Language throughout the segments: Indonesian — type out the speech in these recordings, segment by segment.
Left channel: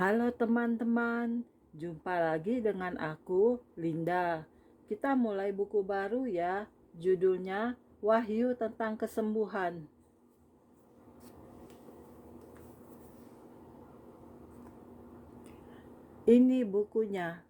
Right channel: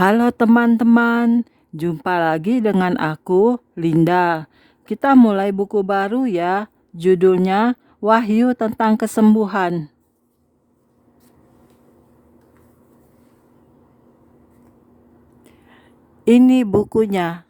Halo teman-teman, jumpa lagi dengan aku, Linda. Kita mulai buku baru ya, judulnya Wahyu tentang Kesembuhan. Ini bukunya.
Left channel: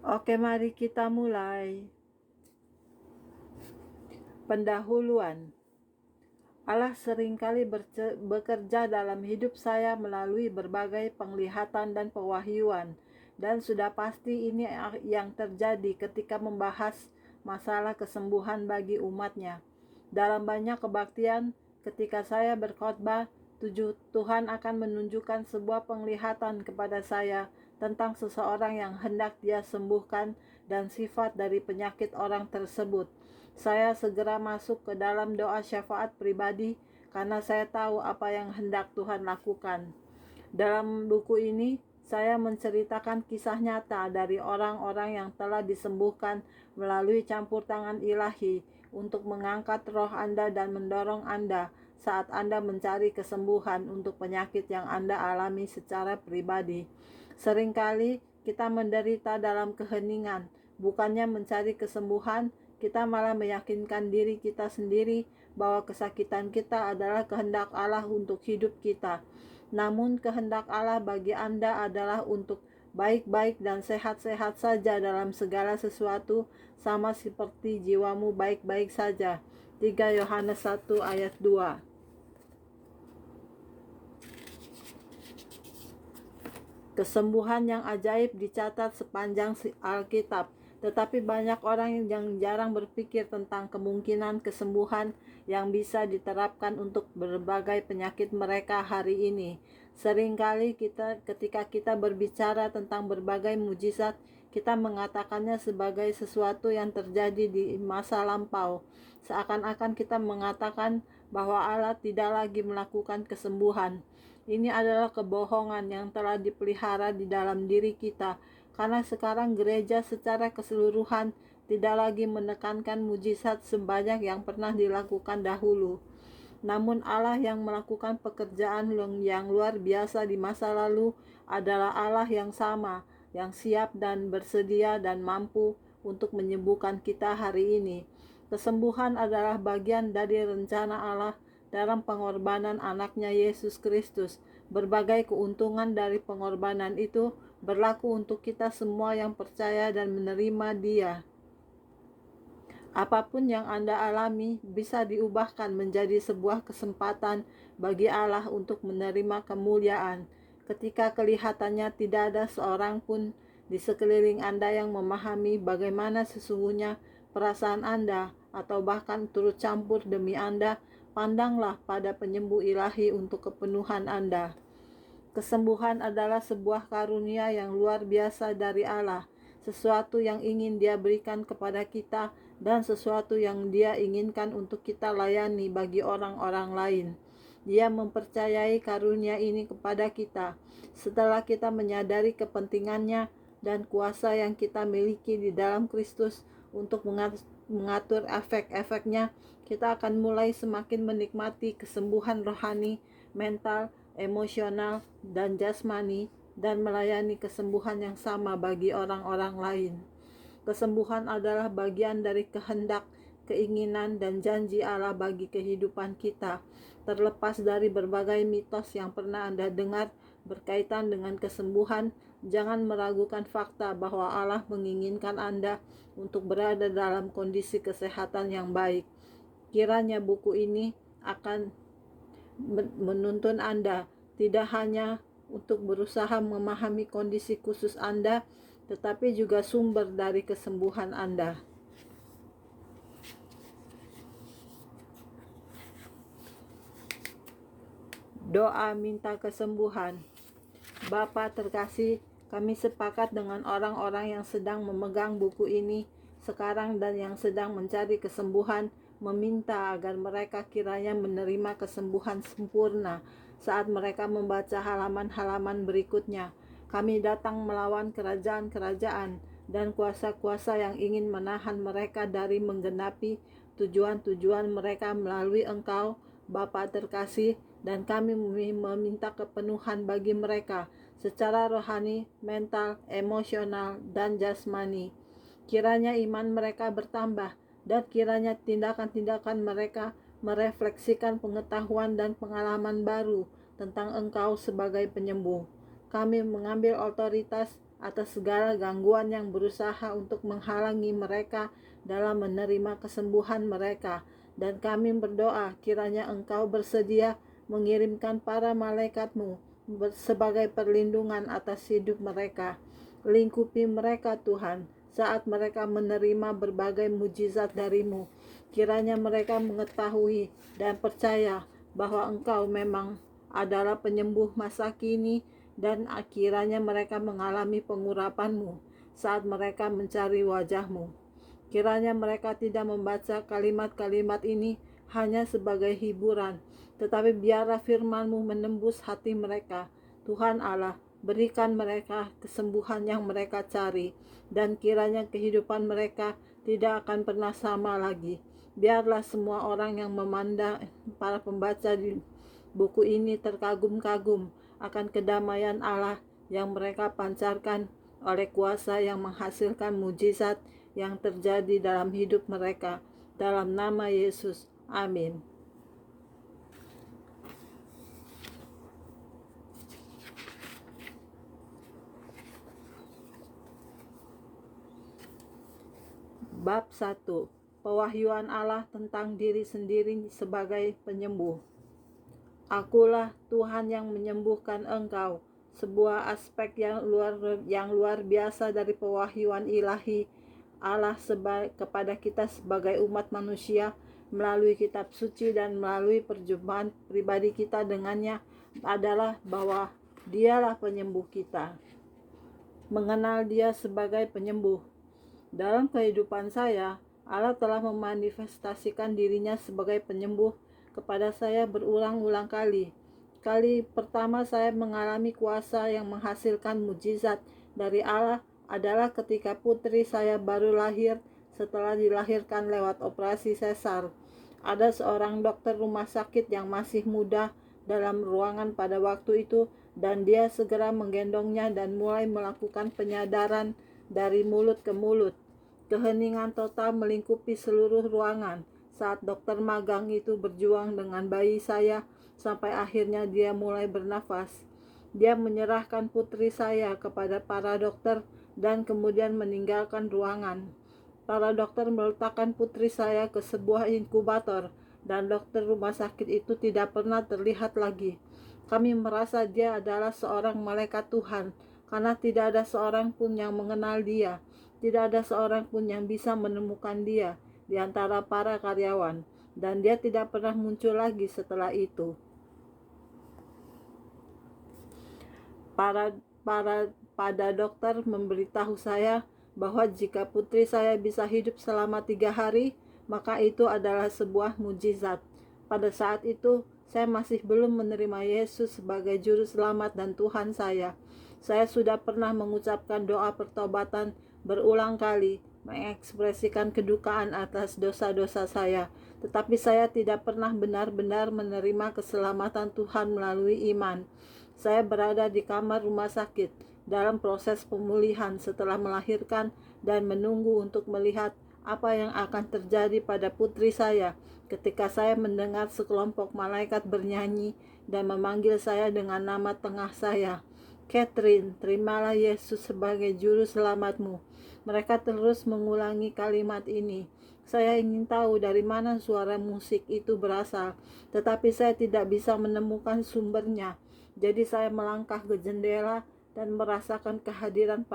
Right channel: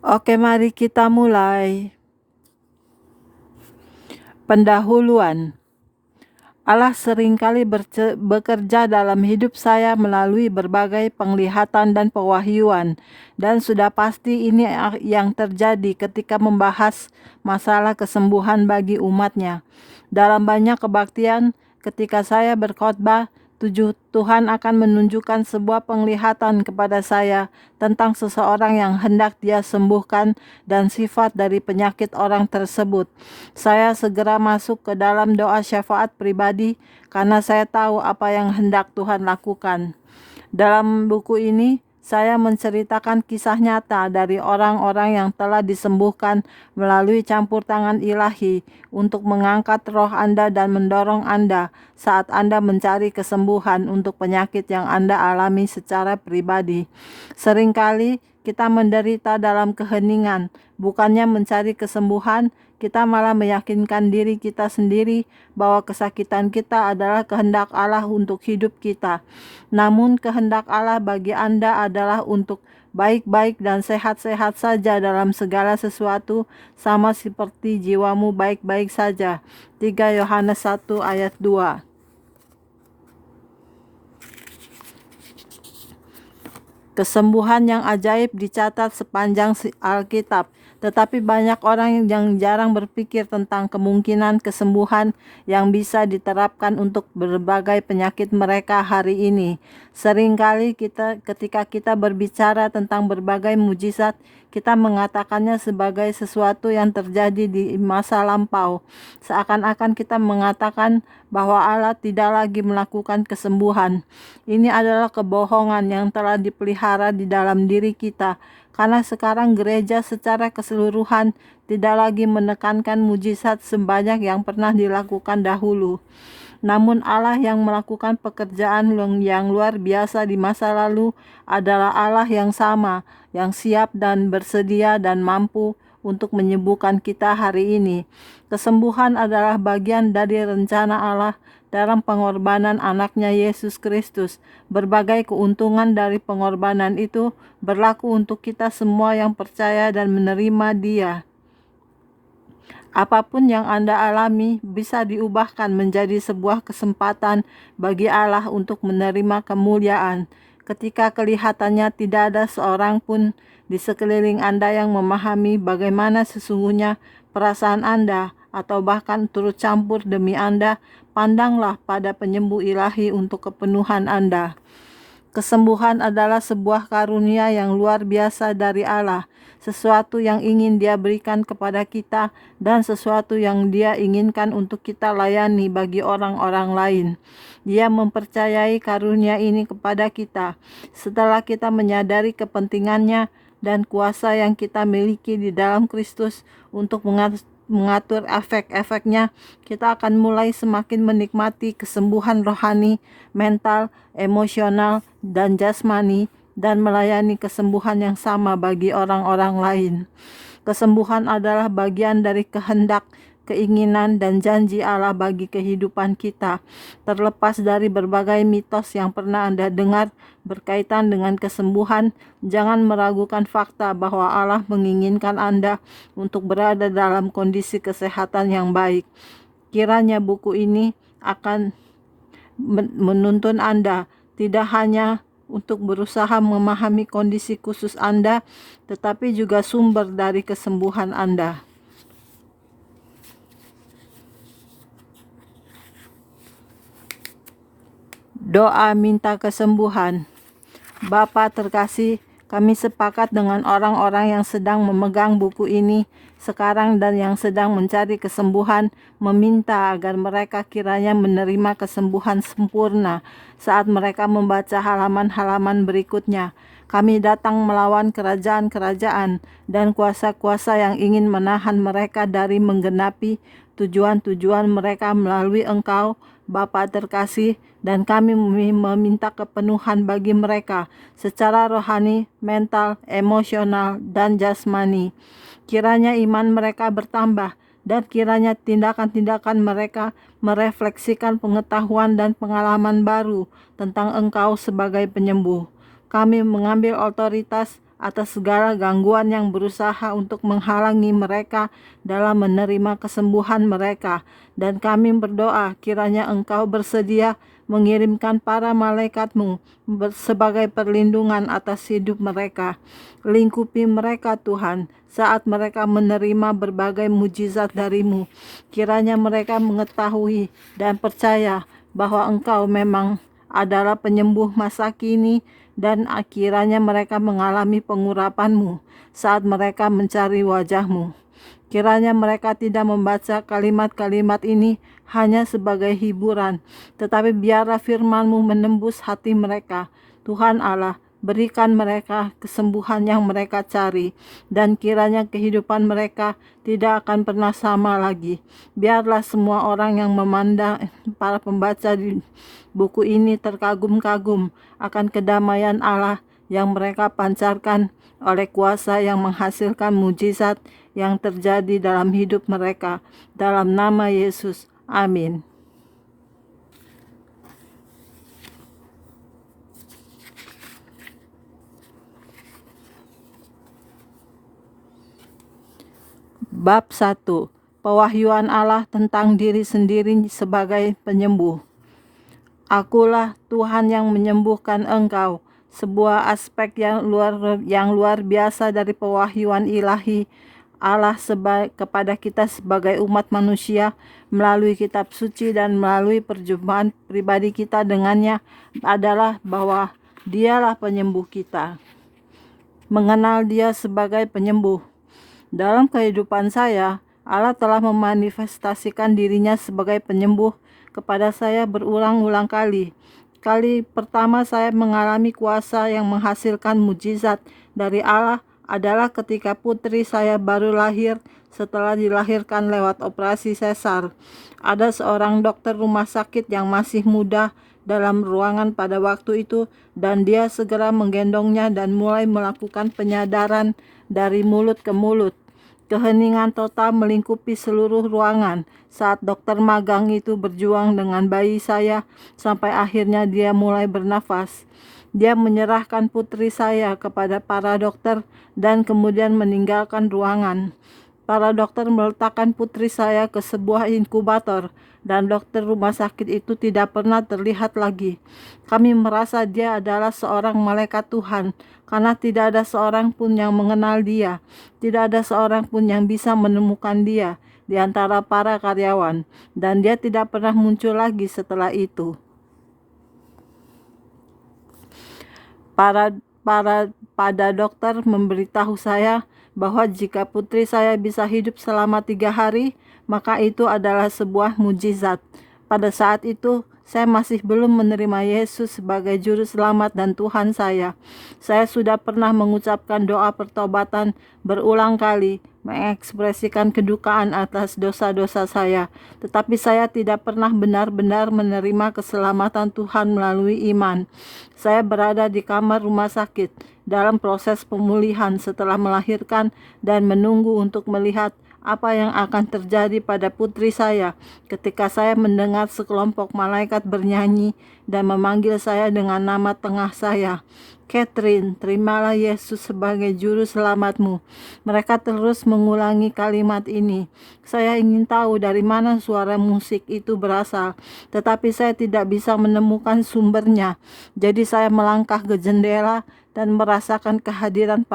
Oke, mari kita mulai. Pendahuluan. Allah seringkali bekerja dalam hidup saya melalui berbagai penglihatan dan pewahyuan, dan sudah pasti ini yang terjadi ketika membahas masalah kesembuhan bagi umatnya. Dalam banyak kebaktian, ketika saya berkhotbah, Tuhan akan menunjukkan sebuah penglihatan kepada saya tentang seseorang yang hendak Dia sembuhkan dan sifat dari penyakit orang tersebut. Saya segera masuk ke dalam doa syafaat pribadi karena saya tahu apa yang hendak Tuhan lakukan. Dalam buku ini, saya menceritakan kisah nyata dari orang-orang yang telah disembuhkan melalui campur tangan ilahi untuk mengangkat roh Anda dan mendorong Anda saat Anda mencari kesembuhan untuk penyakit yang Anda alami secara pribadi. Seringkali kita menderita dalam keheningan, bukannya mencari kesembuhan. Kita malah meyakinkan diri kita sendiri bahwa kesakitan kita adalah kehendak Allah untuk hidup kita. Namun kehendak Allah bagi Anda adalah untuk baik-baik dan sehat-sehat saja dalam segala sesuatu, sama seperti jiwamu baik-baik saja. 3 Yohanes 1 ayat 2. Kesembuhan yang ajaib dicatat sepanjang Alkitab, tetapi banyak orang yang jarang berpikir tentang kemungkinan kesembuhan yang bisa diterapkan untuk berbagai penyakit mereka hari ini. Seringkali ketika kita berbicara tentang berbagai mujizat, kita mengatakannya sebagai sesuatu yang terjadi di masa lampau. Seakan-akan kita mengatakan bahwa Allah tidak lagi melakukan kesembuhan. Ini adalah kebohongan yang telah dipelihara di dalam diri kita, karena sekarang gereja secara keseluruhan tidak lagi menekankan mujizat sebanyak yang pernah dilakukan dahulu. Namun Allah yang melakukan pekerjaan yang luar biasa di masa lalu adalah Allah yang sama, yang siap dan bersedia dan mampu untuk menyembuhkan kita hari ini. Kesembuhan adalah bagian dari rencana Allah dalam pengorbanan anaknya Yesus Kristus. Berbagai keuntungan dari pengorbanan itu berlaku untuk kita semua yang percaya dan menerima Dia. Apapun yang Anda alami bisa diubahkan menjadi sebuah kesempatan bagi Allah untuk menerima kemuliaan. Ketika kelihatannya tidak ada seorang pun di sekeliling Anda yang memahami bagaimana sesungguhnya perasaan Anda, atau bahkan turut campur demi Anda, pandanglah pada penyembuh ilahi untuk kepenuhan Anda. Kesembuhan adalah sebuah karunia yang luar biasa dari Allah, sesuatu yang ingin Dia berikan kepada kita dan sesuatu yang Dia inginkan untuk kita layani bagi orang-orang lain. Dia mempercayai karunia ini kepada kita setelah kita menyadari kepentingannya dan kuasa yang kita miliki di dalam Kristus untuk mengatur efek-efeknya. Kita akan mulai semakin menikmati kesembuhan rohani, mental, emosional, dan jasmani, dan melayani kesembuhan yang sama bagi orang-orang lain. Kesembuhan adalah bagian dari kehendak, keinginan, dan janji Allah bagi kehidupan kita. Terlepas dari berbagai mitos yang pernah Anda dengar berkaitan dengan kesembuhan, jangan meragukan fakta bahwa Allah menginginkan Anda untuk berada dalam kondisi kesehatan yang baik. Kiranya buku ini akan menuntun Anda tidak hanya untuk berusaha memahami kondisi khusus Anda, tetapi juga sumber dari kesembuhan Anda. Doa minta kesembuhan. Bapa terkasih, Kami sepakat dengan orang-orang yang sedang memegang buku ini sekarang dan yang sedang mencari kesembuhan, meminta agar mereka kiranya menerima kesembuhan sempurna saat mereka membaca halaman-halaman berikutnya. Kami datang melawan kerajaan-kerajaan dan kuasa-kuasa yang ingin menahan mereka dari menggenapi tujuan-tujuan mereka melalui Engkau, Bapa terkasih, dan kami meminta kepenuhan bagi mereka secara rohani, mental, emosional, dan jasmani. Kiranya iman mereka bertambah dan kiranya tindakan-tindakan mereka merefleksikan pengetahuan dan pengalaman baru tentang Engkau sebagai penyembuh. Kami mengambil otoritas atas segala gangguan yang berusaha untuk menghalangi mereka dalam menerima kesembuhan mereka. Dan kami berdoa kiranya Engkau bersedia mengirimkan para malaikatmu sebagai perlindungan atas hidup mereka. Lingkupi mereka Tuhan saat mereka menerima berbagai mujizat darimu. Kiranya mereka mengetahui dan percaya bahwa Engkau memang adalah penyembuh masa kini, dan akhirnya mereka mengalami pengurapan-Mu saat mereka mencari wajah-Mu. Kiranya mereka tidak membaca kalimat-kalimat ini hanya sebagai hiburan, tetapi biarlah firman-Mu menembus hati mereka. Tuhan Allah, berikan mereka kesembuhan yang mereka cari, dan kiranya kehidupan mereka tidak akan pernah sama lagi. Biarlah semua orang yang memandang para pembaca di buku ini terkagum-kagum akan kedamaian Allah yang mereka pancarkan oleh kuasa yang menghasilkan mujizat yang terjadi dalam hidup mereka. Dalam nama Yesus, amin. Bab 1. Pewahyuan Allah tentang diri sendiri sebagai penyembuh. Akulah Tuhan yang menyembuhkan engkau. Sebuah aspek yang luar biasa dari pewahyuan ilahi Allah kepada kita sebagai umat manusia melalui kitab suci dan melalui perjumpaan pribadi kita dengannya adalah bahwa Dialah penyembuh kita. Mengenal Dia sebagai penyembuh. Dalam kehidupan saya, Allah telah memanifestasikan dirinya sebagai penyembuh kepada saya berulang-ulang kali. Kali pertama saya mengalami kuasa yang menghasilkan mujizat dari Allah adalah ketika putri saya baru lahir setelah dilahirkan lewat operasi sesar. Ada seorang dokter rumah sakit yang masih muda dalam ruangan pada waktu itu, dan dia segera menggendongnya dan mulai melakukan penyadaran dari mulut ke mulut. Keheningan total melingkupi seluruh ruangan saat dokter magang itu berjuang dengan bayi saya sampai akhirnya dia mulai bernafas. Dia menyerahkan putri saya kepada para dokter dan kemudian meninggalkan ruangan. Para dokter meletakkan putri saya ke sebuah inkubator dan dokter rumah sakit itu tidak pernah terlihat lagi. Kami merasa dia adalah seorang malaikat Tuhan karena tidak ada seorang pun yang mengenal dia. Tidak ada seorang pun yang bisa menemukan dia di antara para karyawan, dan dia tidak pernah muncul lagi setelah itu. Pada dokter memberitahu saya bahwa jika putri saya bisa hidup selama 3 hari, maka itu adalah sebuah mujizat. Pada saat itu, saya masih belum menerima Yesus sebagai juru selamat dan Tuhan saya. Saya sudah pernah mengucapkan doa pertobatan berulang kali, mengekspresikan kedukaan atas dosa-dosa saya, tetapi saya tidak pernah benar-benar menerima keselamatan Tuhan melalui iman. Saya berada di kamar rumah sakit dalam proses pemulihan setelah melahirkan dan menunggu untuk melihat apa yang akan terjadi pada putri saya ketika saya mendengar sekelompok malaikat bernyanyi dan memanggil saya dengan nama tengah saya. Catherine, terimalah Yesus sebagai juru selamatmu. Mereka terus mengulangi kalimat ini. Saya ingin tahu dari mana suara musik itu berasal, tetapi saya tidak bisa menemukan sumbernya. Jadi saya melangkah ke jendela dan merasakan kehadiran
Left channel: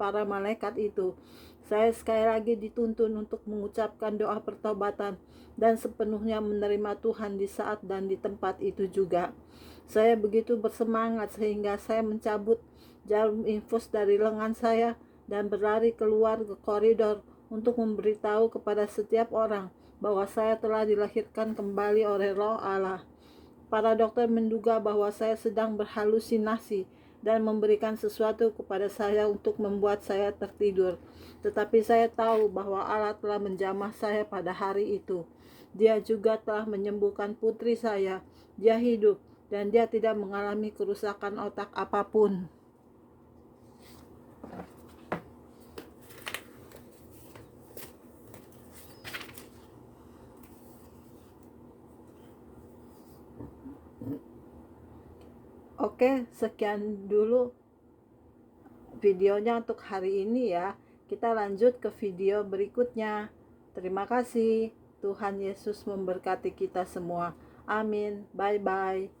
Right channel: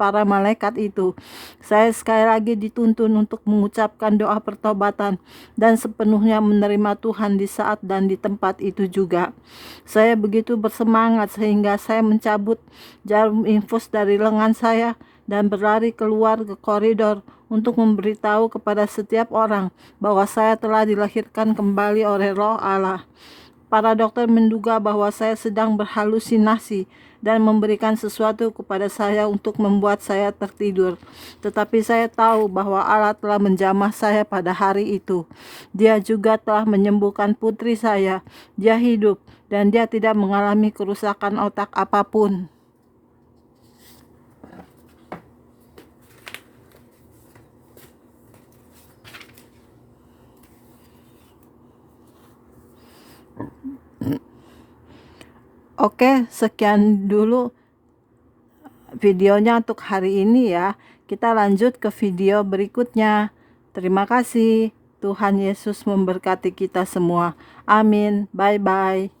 para malaikat itu. Saya sekali lagi dituntun untuk mengucapkan doa pertobatan dan sepenuhnya menerima Tuhan di saat dan di tempat itu juga. Saya begitu bersemangat sehingga saya mencabut jarum infus dari lengan saya dan berlari keluar ke koridor untuk memberitahu kepada setiap orang bahwa saya telah dilahirkan kembali oleh Roh Allah. Para dokter menduga bahwa saya sedang berhalusinasi dan memberikan sesuatu kepada saya untuk membuat saya tertidur. Tetapi saya tahu bahwa Allah telah menjamah saya pada hari itu. Dia juga telah menyembuhkan putri saya. Dia hidup dan dia tidak mengalami kerusakan otak apapun. Oke, sekian dulu videonya untuk hari ini ya. Kita lanjut ke video berikutnya. Terima kasih. Tuhan Yesus memberkati kita semua. Amin. Bye-bye.